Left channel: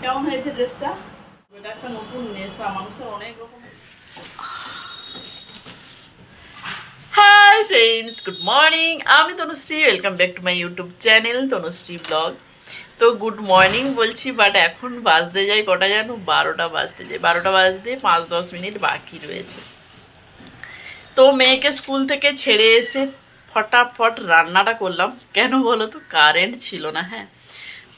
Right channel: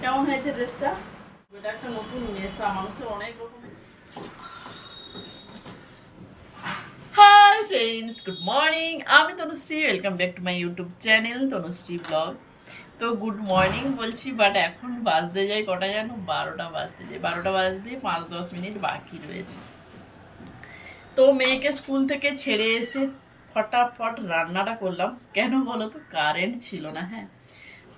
কেমন হয়েছে ড্রেসটা এটা একটা নতুন নেশা, মানুষের অনেক ফ্রেন্ডস গুড মর্নিং আমি Tanushree welcome back to my YouTube channel Tanushree blog তো গুড মর্নিং বলছি বাট এখন বাজতে যাই কটা জানো? বারোটা বাজতে যাই বারোটা বাজতে পাঁচ দশ মিনিট বাকি রয়েছে। তো মেয়েকে স্কুল থেকে ছেড়ে এসে ফটাফট রান্নাটা করলাম। কেন বলো তো? কারেন্ট ছিল না হ্যাঁ।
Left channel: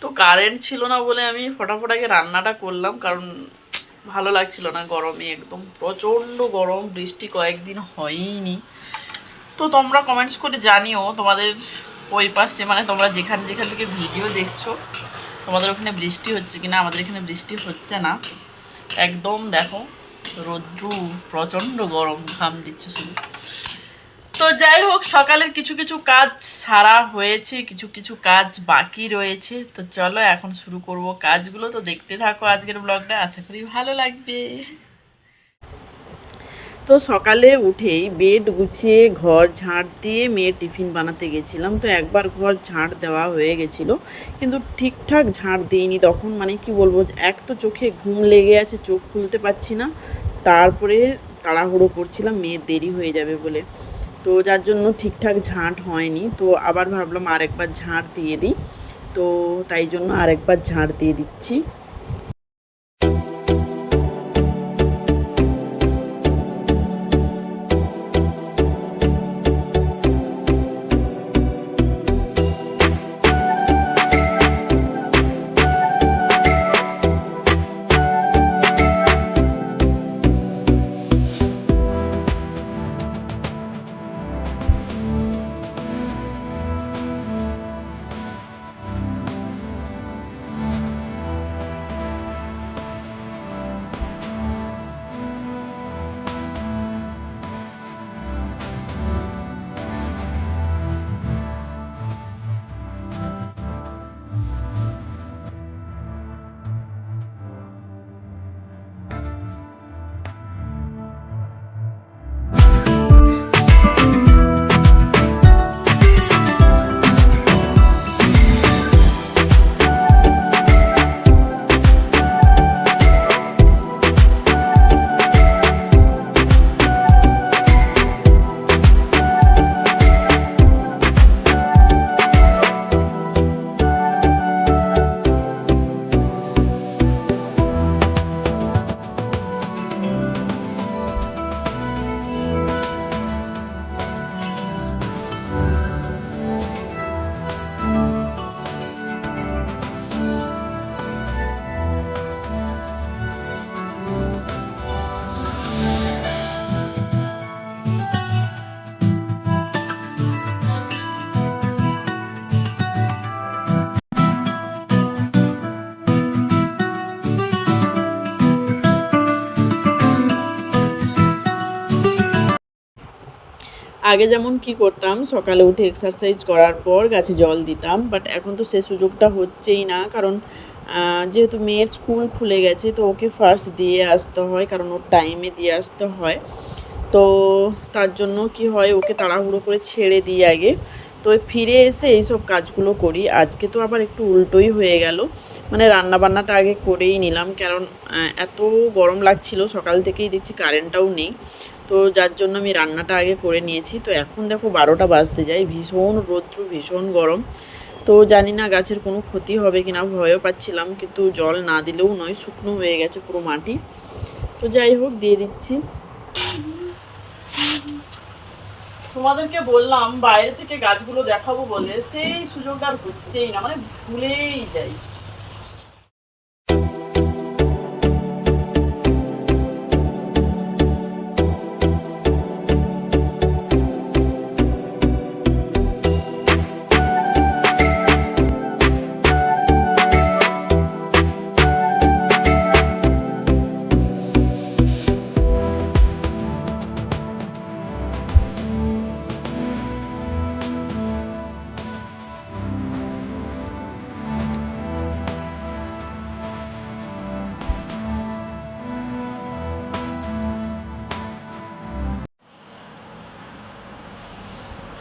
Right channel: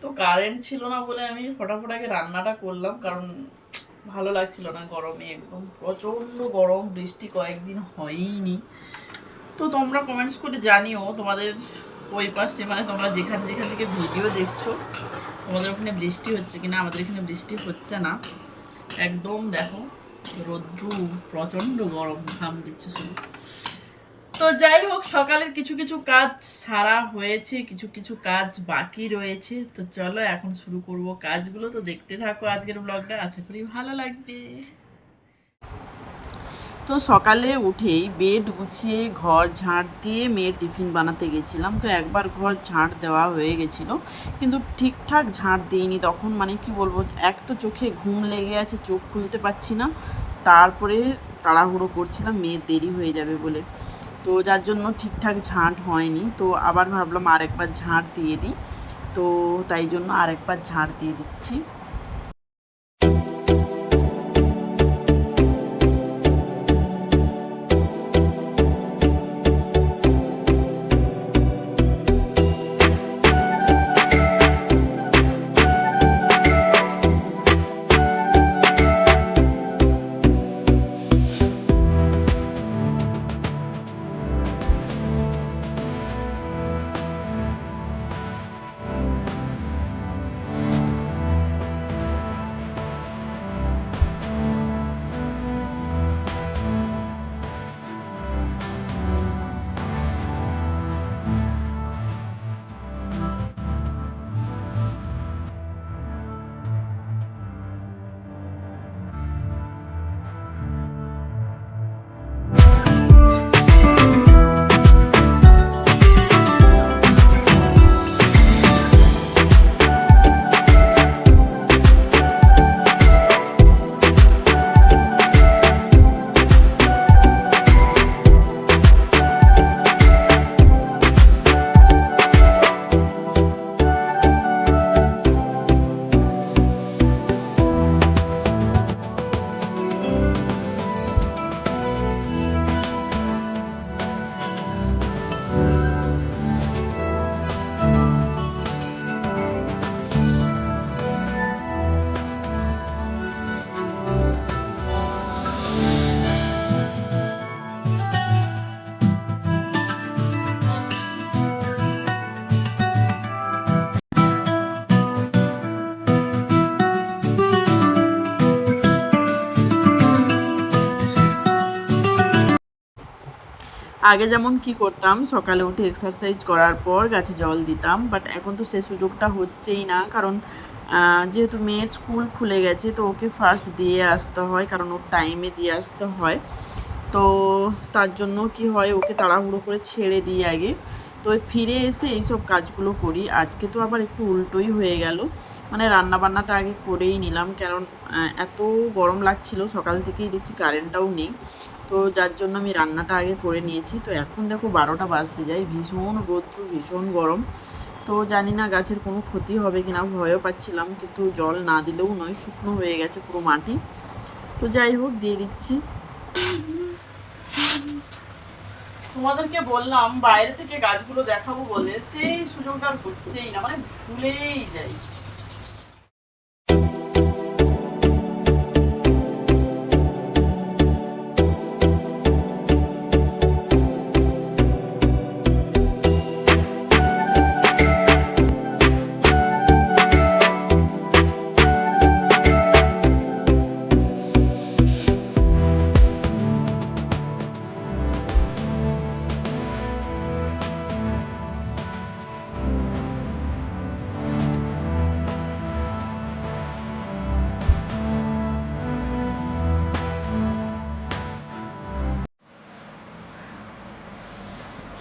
তো কারেন্ট ছিল না বলে আমি ফটাফট আগে রান্নাটা করলাম, কারণ ভালো লাগছিল না গরমে একদম। প্রচণ্ড গরম, বৃষ্টি কয়েকদিন হয়ইনি। তো তোমরা কমেন্টস করে জানিও তোমাদের ওই পাশে মানে তোমরা যেখানে, যেখান থেকে ভিডিও দেখছ, তোমাদের ওখানে বৃষ্টি হচ্ছে কিনা, আমাদের এখানে বৃষ্টি হচ্ছে না। একদম দেখো, রোদ্রু প্রচণ্ড গরম, ঘাম দিচ্ছে শুধু। তো যাই হোক, সকালের কিছু কিছু কাজ সারা হয়েছে, কিছু কিছু কাজ বাকি রয়েছে। তো চলো এখন শুরু করব কাজগুলো। তো দেখতে থাকো আজকের ব্লগটা, আশা করি ভালো লাগবে। তো সকালে উঠেই বেড গুছিয়ে, ঘর ঝাড় দিয়ে মেয়ের টিফিন বানাতে গেছিলাম। তো একবার ঘর ঝাড় দেওয়া হয়ে গেছিল, কিন্তু ঠিকঠাক ঝাড় দিইনি। তখন মানে কি বলব, এক তো চোখে ঘুম লেগে আছে, চোখ খুলতে পারছি না। তারপরে তাড়াহুড়ো করছিলাম মেয়ের দেরি হয়ে যাবে বলে। তো যার জন্য ঠিকঠাক ঝাঁট হয়নি, তো আবার ভাবলাম আরেকবার ঝাঁট দিয়ে দিই। তো তাই জন্য আরেকবার ঝাঁট দিয়ে দিচ্ছি। আগে যেমন কি করতাম, সকালে উঠে এক্সারসাইজ করার পর গাছে জল দিতাম বাট এখন তো সে সুযোগটা হচ্ছেই না। কারণ যেহেতু মেয়ের স্কুল খুলে গেছে, তো ওকে ফার্স্ট দিয়ে আসতে হয়, কারণ ওর টাইমে দিয়ে আসতে হয়। তো তার জন্য কি হয়, ওকে তাড়াহুড়ো করে ছেড়ে দিই আগে। তো ফিরে এসে এইসব কাজগুলো করি। আজকে তো আবার একটু উল্টোই হয়ে গেল। মানে রান্না বান্নাটা আগে করেই নিলাম। কারণ এত গরম লাগছিল, সকাল থেকেই দেখছি কারেন্টটাও নেই। তো যার জন্য আমি রান্নাটা আগে করে নিয়েছি। তো এখন দেখো বারোটা বাজতে যায়, ভীষণ রৌদ্র, ভীষণ গরম। তো জানি না গাছের কোনো ক্ষতি হবে কিনা, ভয়ও পাচ্ছিলাম, কিন্তু জল না দিলেও নয়, শুকনো হয়ে গেছে পুরো মাটি। তো যাই হোক, দিয়ে দিচ্ছি। তোমাদেরকে বললাম, বাইরে থেকে গাছগুলো দেখাবো বলে, সেই সুযোগটা আর হচ্ছেই না মানে ভুলেই যাই।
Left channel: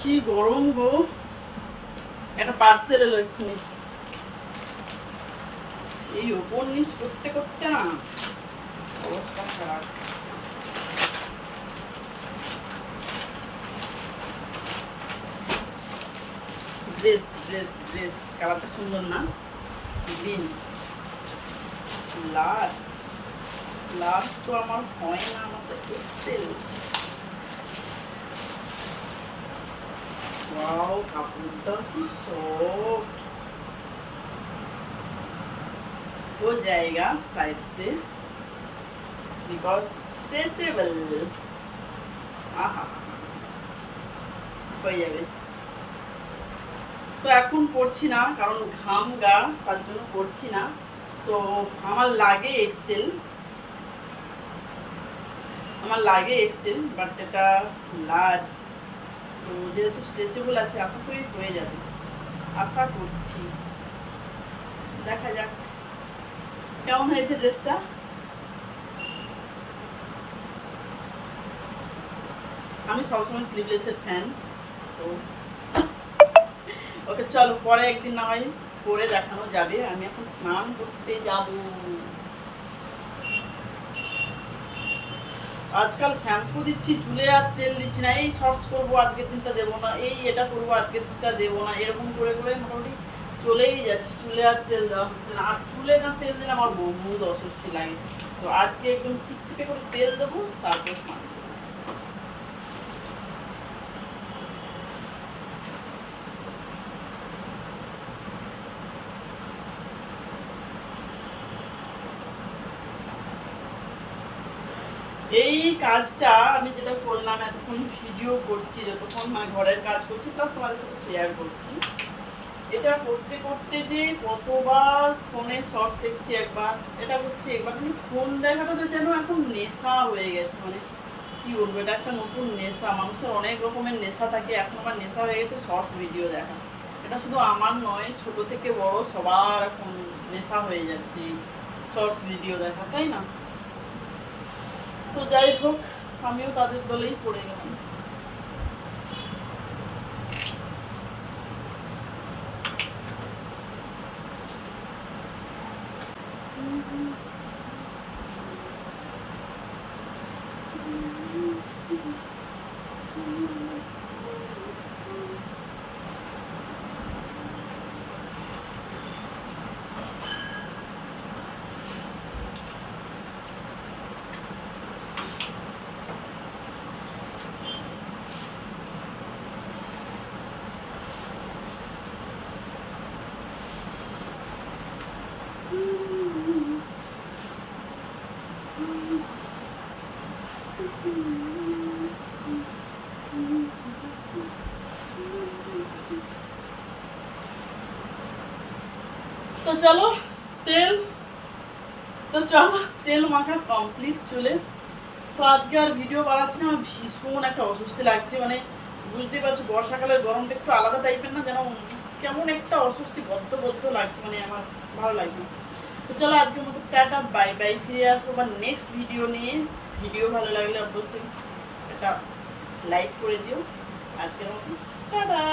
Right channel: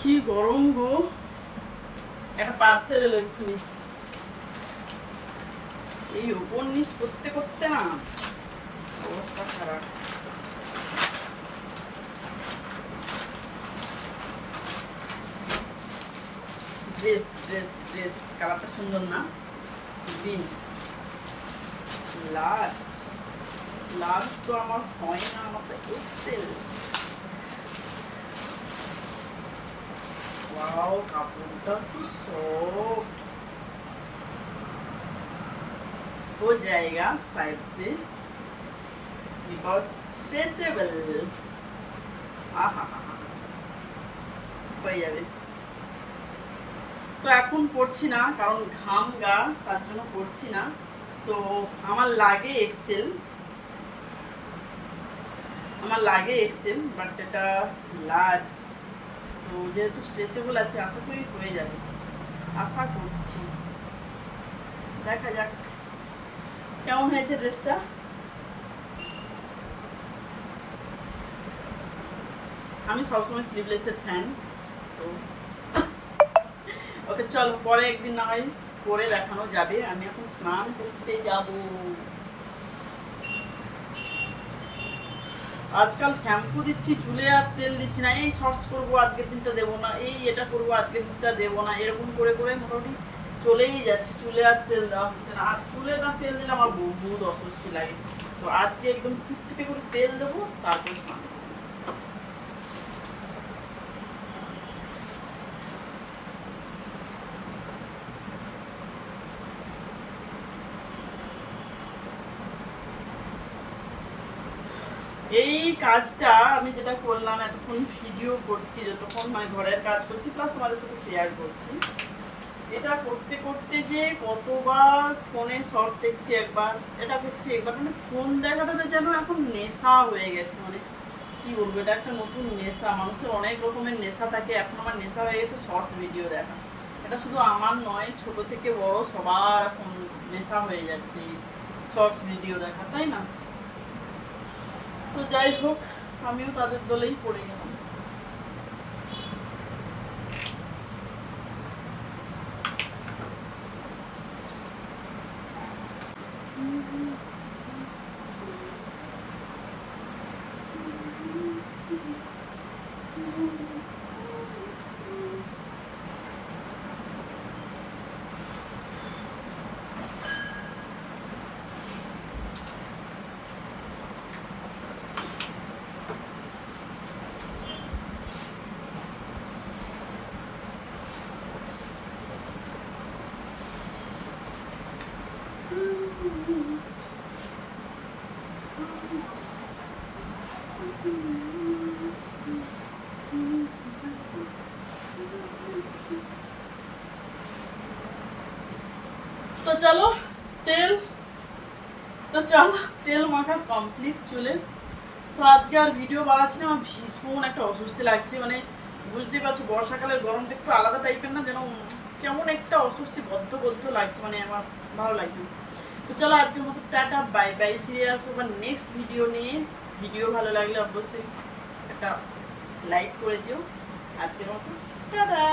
কি গরম গো। একটা পার্সেল এলো এক্ষুনি। এই ওপর নিচ করতে করতে না অবস্থা খারাপ। ড্রেস ড্রেস ড্রেস কালারটা সুন্দর না? গ্রিন লার্জ লার্জ তো আমার হয় না, আমার তো এক্সেল ওয়াও কাপড়টা কি সফট हो जाएगा साइड से बिकॉज स्ट्रेचेबल হয়ে যাবে তো এখন পড়ছি না কারণ ঘাম গা তার জন্য পড়ছি না তো আমার লাগে এক্সেল আমার লাগে এক্সেল বাট এটা লার্জ তো যেহেতু স্ট্রেচেবল আছে, আশা করি হয়ে যাবে। আশা করছি। দেখা যাক কেমন হয়েছে ড্রেসটা। আমি সবসময় স্লিভলেসের ফ্যান তো ওকে চলো পরে একদিন না হয় পরে দেখানো যাবে। আমি এখন স্নান করতে যাব। আজকাল শ্যাম্পু দিচ্ছি, চুলে আর তেল দিচ্ছি না, এই শর্টস করব, আজকের দিনটা দেবো না, এই এটা করব, আজকের দিনটা দেবো না, এরকম করে করে মোটামুটি চলেই যাচ্ছে, চুলে আর তেল দেওয়া হচ্ছে না, আর চুলে না তেল দিলে আমার বহুত অস্বস্তি লাগে। তো আজকে একদম চিপচিপে করে তেল দেবো, তারপর স্নান এই কাজটা আমি যেটা করলাম, এতক্ষণ ভিডিও করছি, যতক্ষণ মানে ঘরের কাজ করছি প্লাস তোমাদের সাথে শেয়ার করছি। এটা করতে করতে যে কতবার ফোনে শর্টস দেখছি একবার, এটা করছি একবার মানে ফোন দেখাটা যেন এখন নেশা হয়ে গেছে মানে কি বলব, এটা একটা নতুন নেশা, মানুষের অনেক রকমের নেশা থাকে, এখন আমার নেশা হয়ে গেছে শর্টস ভিডিও দেখা। এটা শুধু আমার নয়, ছোট থেকে বড় সবার এখন নেশা হয়ে যাচ্ছে শর্টস ভিডিও দেখা, তাই না? তো যাই হোক আমিও তাদের দলেই পড়ে গেলাম। তো চলো, তেল। তো চলো, তেল মাখা কমপ্লিট চুলে। তো আজকে আর ভিডিও বানাচ্ছি না, আমার ভীষণ একটা অস্বস্তি লাগছে। মানে বুঝতেই পারছ, বর্ষাকালের গরমটা একটু আলাদা টাইপের না, যেন কেমন একটা অস্বস্তি বদ্ধ বদ্ধ লাগছে মানে আমার ভালো লাগছে না। তো চলো, আজকের মতো টাটা বাই বাই ফিরে আসব বা নেক্সট ভিডিও নিয়ে। ভিডিও ভালো লাগলে অবশ্যই একটা লাইক করে দিও। আজকের মতো, টাটা!